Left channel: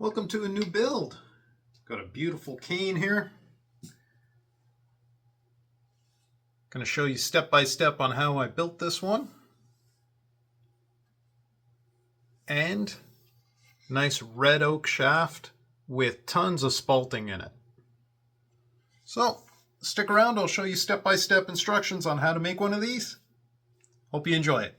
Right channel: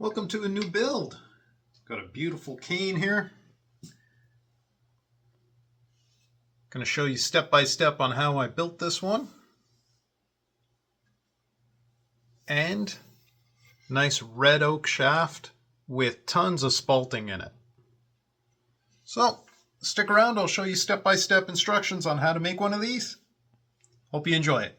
Welcome to a new build. Got a beautiful cane here. Going to show you step by step on how I built this one. And nice red oak shaft with tons of spalting in it. So stick around, I'll show you step by step instructions on how to make one of these. Hope you enjoy it.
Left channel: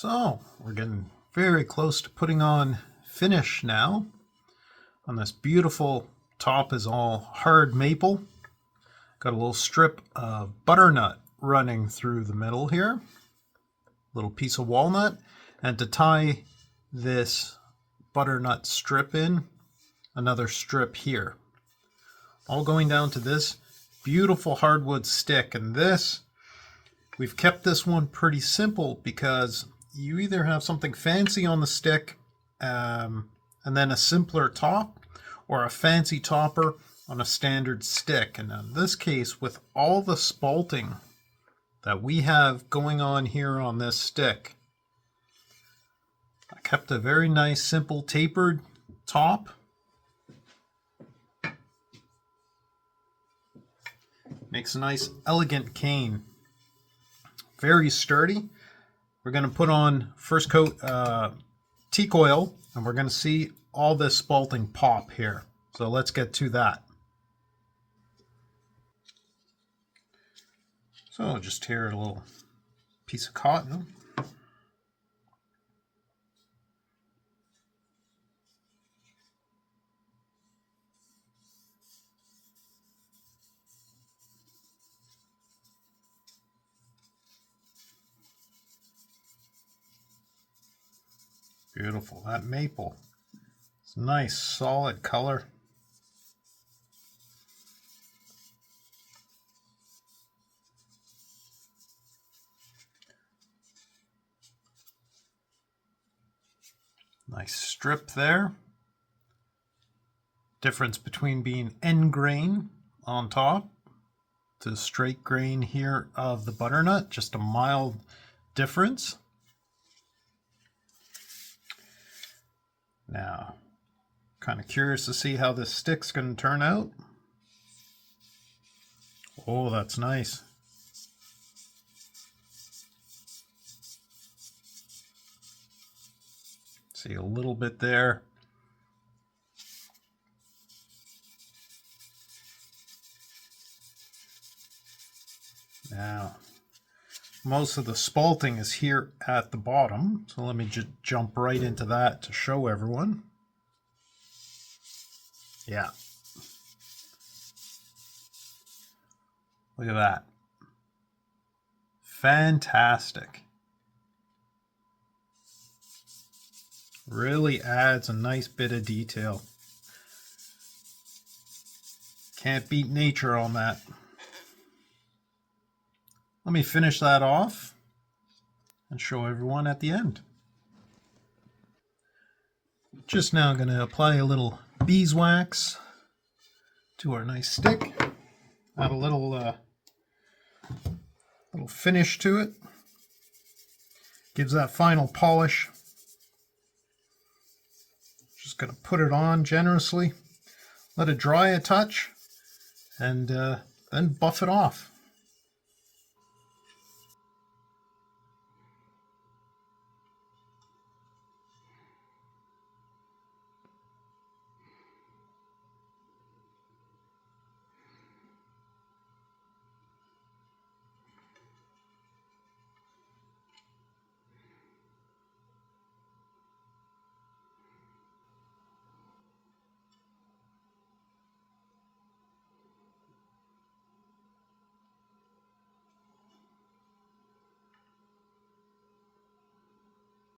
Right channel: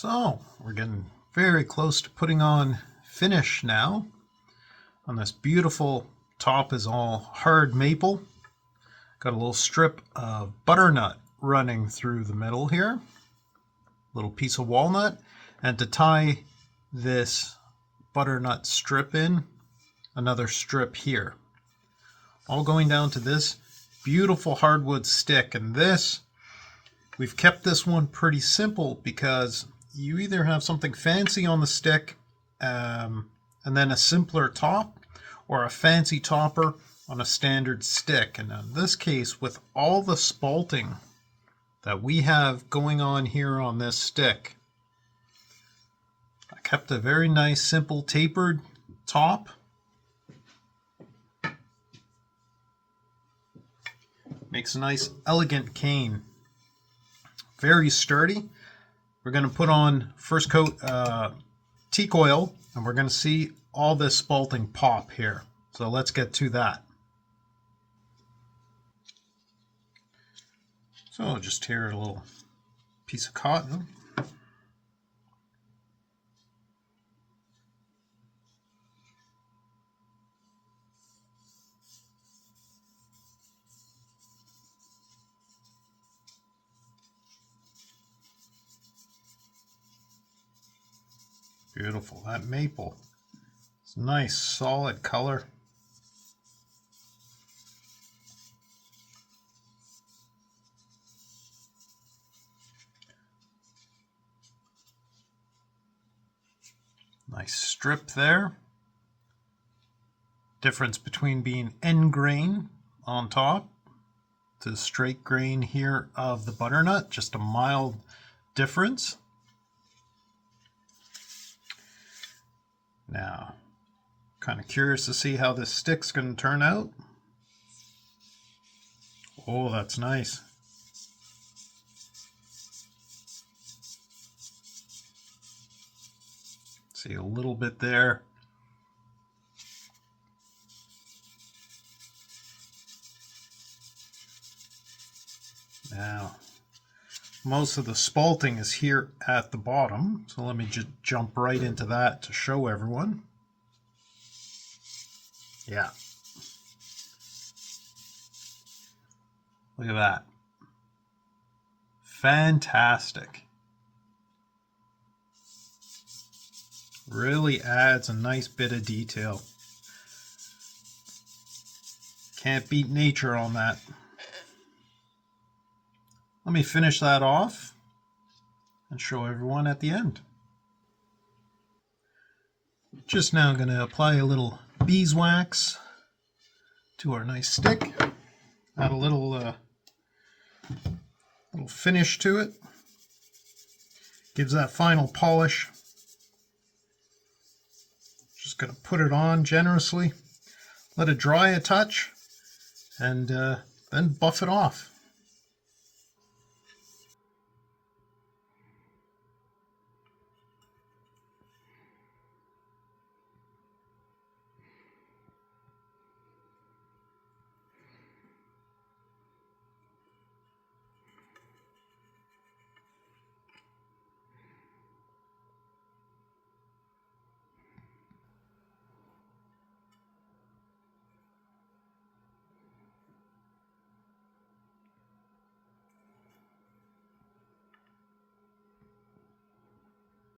So we're getting very close to putting on finish now. On this beautiful top is all hard maple. Got a little strip of butternut running through the middle here. Little piece of walnut. And to tie this butternut strip in, another strip here. All going down to this beautiful hardwood stick. And this, we've kept this one pretty simple because you either have something fancy on the stick and then a simpler top, or a fancy topper on a standard stick. And in this case, with all the spalting that we have going on here on this stick, I kept a very nice simple tapered top. Makes a nice elegant cane. Very sturdy. We're going to put on first coat teak oil, and we're going to see all this spalting pop here. So let's get to that. So just tear a little piece of cotton. Beautiful, that maple. It's a nice solid color. Nice strip there. Difference between being end grain on top to the straight grain here of the butternut, just a mild difference. Now, kind of curious to see how this stick's going to turn out. Oh, that's nice. See a little bit there. Now, most of the spalting is here at the bottom, so let me just jump right into that to show everyone. Yeah. Look at that. Fantastic. Really adds a nice bit of detail. Can't beat nature on that. Let me finish that off and show everyone at the end. Just now going to apply a little beeswax to our nice stick. Add a little finish to it. Gives that final polish. Just going to put it on generously. Let it dry a touch and then buff it off.